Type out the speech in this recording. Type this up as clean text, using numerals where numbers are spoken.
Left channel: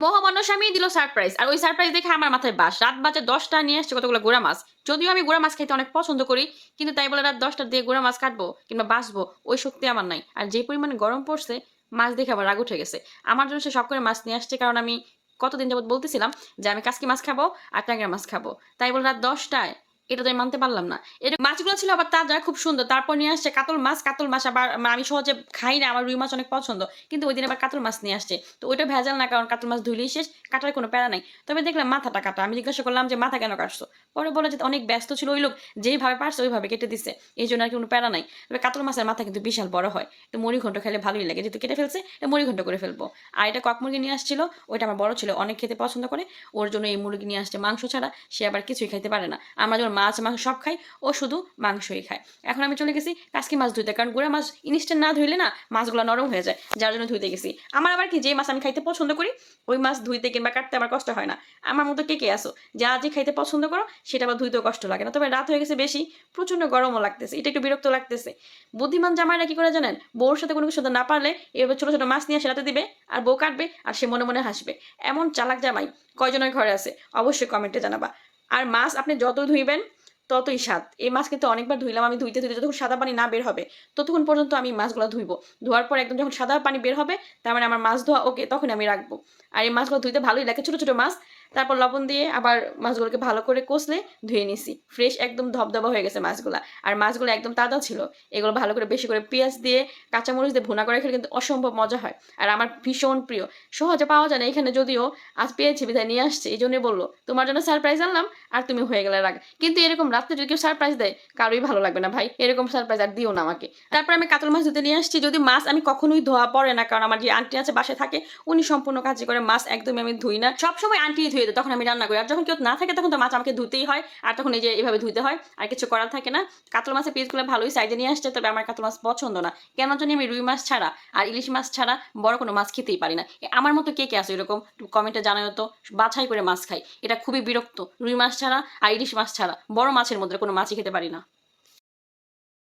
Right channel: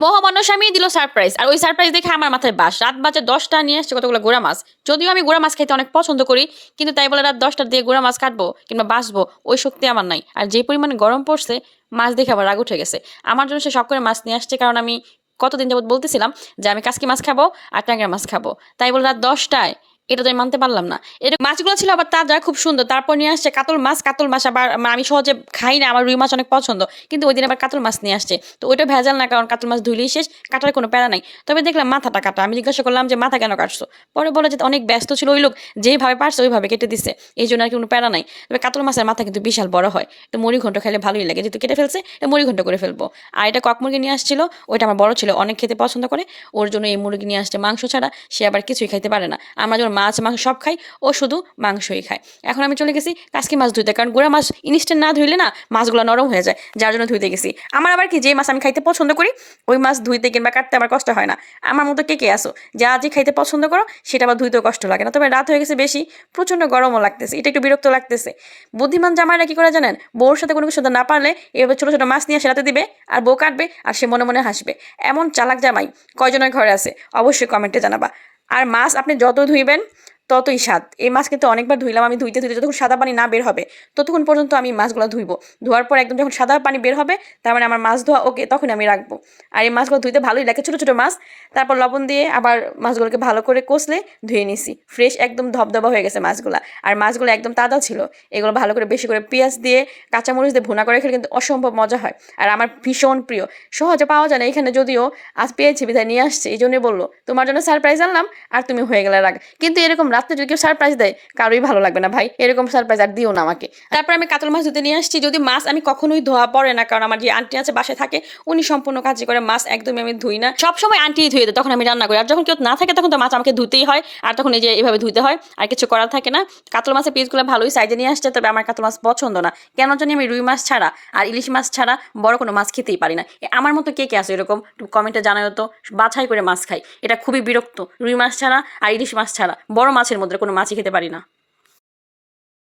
মহামান্য স্বামী দিল সারপ্রাইজ, আর ওই সারপ্রাইজ দেখে আমার মাথায় বাস। রাত বাজে 10টা, নিয়ে আসছে কতগুলো গোড়া মাছ। যদিও আমি গোড়া মাছ খাইতে অনেক পছন্দ করি, কিন্তু তাই বলে রাত 10টার দিয়ে গোড়া মাছ কাটবো কিংবা বাঁচবো ওই শক্তি আমার নাই। আর যে পরিমাণে গরম পড়ছে, মাছ দেখে আবার রাগ উঠে গেছে। আমার জন্য সে শখ করে মাছ নিয়ে আসছে, কারণ আমি কতদিন যাবত বলতেছিলাম যে আমি কাসকি মাছ খাবো আর ট্যাংরা মাছ খাবো। তাই বলে রাত 10টায়, এটা তো আমি মানতে পারলাম না। এটা মাছগুলো ছিল আবার তাজা, খুব সুন্দর। তারপর নিয়ে আসছে কাতল মাছ। কাতল মাছ আবার আমি সহজে খাই না, আমার রুই মাছ অনেক পছন্দ, কিন্তু ওই দিন আবার কাতল মাছ নিয়ে আসছে। তো ওইটা ভেজাল না, কারণ কাতল মাছ ধুইলেই শেষ, কাটার কোনো প্যারা নাই। তবে দেখলাম মাথাটা কাটা। আমি জিজ্ঞাসা করলাম যে মাথা কেন কাটছো? পরে বলে যে অনেক ব্যস্ত ছিল ওই লোক, যেইভাবে পারছে ওইভাবে কেটে দিচ্ছে, এই জন্য আর কোনো প্যারা নাই। তবে কাতল মাছের মাথা কিন্তু বিশাল বড় হয়, তো মুড়ি ঘন্ট খেলে ভালোই লাগে। যেহেতু কেটে ফেলছে, মুড়ি ঘন্ট করে ফেলবো। আর এটা কক মুরগি নিয়ে আসছিল, ওইটা আমার বড় ছিল, অনেক খেতে পছন্দ করে, ওর জন্য এই মুরগি নিয়ে আসছে। মাংস ছাড়া সে আবার কিছুই খাইতে পারে না। আমরা যেমন মাছ মাংস সব খাই, ও শুধু মাংসই খায়। এখন আমি চলে গেছি কাসকি মাছ ধুইতে, কারণ গুঁড়া মাছ ইনস্ট্যান্ট না ধুইলে না মাছগুলো নরম হয়ে যায়, যার জন্য ধুইতে গেছি। আমার আবার কি, যে মাছ আমি খাইতে পছন্দ করি ওই মাছ ধুইতে কিংবা কাটতে আমার কষ্ট হয় না। আমার মতো কে কে আসো যা যে খাইতে পছন্দ করো, সেটা আবার ধুইতেও কষ্ট লাগে না। তবে রাত হয়ে গেছে বেশি, প্রচন্ড গরমও লাগতেছে, এটা একটু বিরক্ত লাগতেছে। বুদ্ধিমান জামাইরা কি করে জানেন, বউর সাথে কোনো কিছু না পারলে এভাবে ছোট ছোট মাছ নিয়ে সেরাতে দিবে, আর বউ কাটবে আর সে মনে মনে হাসবে। এমন চালাক জামাই কয়জনের ঘরে আছে অবশ্যই কমেন্টে জানাবা। আর মাছ আপনি যত ধুইবেন ততই স্বাদ। এই মাছ কিন্তু অনেকবার ধুইলাম আমি, ধুইতে ধুইতে যতক্ষণ সাদা পানি না বের হবে ততক্ষণ পর্যন্ত আমি মাছগুলো ধুইবো। ধোয়ার পর একদম যখন সাদা পানি বের হবে, তার মানে আমার মাছ ধোয়া ওকে, তখন আমি রাখবো। আর এই মাছগুলো ধুইতে ভালোই লাগে, ছোটো ছোটো মাছ। তারপর লবণ দিয়ে আবার মাছগুলোকে ভালো করে কষলে ধুয়ে নিছি, ফ্রেশ একদম ধবধবা হয়ে গেছে মাছগুলো। আর মাছগুলো একদম তাজা ছিল। এগুলো ভালো করে বেশি করে পেঁয়াজ দিয়ে কাঁচামরিচ দিয়ে ভুনা করে খেলে কিন্তু অসম্ভব মজা হয়। আর আমার ভীষণ প্রিয়, সহজে পাওয়া যায় না এখানে, যদিও আজ পেয়েছি বিধায় নিয়ে আসছে। এই জন্যই বললো তোমার জন্য সারপ্রাইজ আনলাম, আর তুমি হয়ে গেলে রাগ। কিন্তু এরকম রাত্রে যদি কেউ সারপ্রাইজ দেয়, কারোই ভালো লাগবে না ভাই, এরকম সারপ্রাইজ আর দিও না আমাকে। তারপর আমি কাতল মাছ ধুতে নিয়ে আসছি। যদি মাছ আমি কখনোই ধোয়া পড়ে না, কারণ আমার যে আন্টি আছে বাসায় থাকে, উনি সম্পূর্ণ কাজই করে, মাছ একদমই আমি ধুই না। সবসময় আন্টি ধুয়ে দেয়, তখন আমি রান্না করি। আর যখন কেউ না থাকে তখন তো মাছ আমাকে ধুতেই হয়, আর তখন এই যে এভাবে ধুতে হয়, আর কিছু করার থাকে না। কাতল মাছের পিসগুলো ভালোই সাইজে নিয়ে আসছে, তবে আমার কাতল মাছ পছন্দ না। কেন জানি আমি রুই মাছ ছাড়া আর ইলিশ মাছ ছাড়া বড় কোনো মাছ খেতেই পারি না। আমার মতো কে কে আছে এরকম, কমেন্টে জানাও তো। বাছাই করে মাছ খাই, এটা খুবই বিরক্ত। রুই মাছ ছাড়া আর ইলিশ মাছ ছাড়া বড় মাছের মধ্যে কোনো মাছই খেতে পারি না।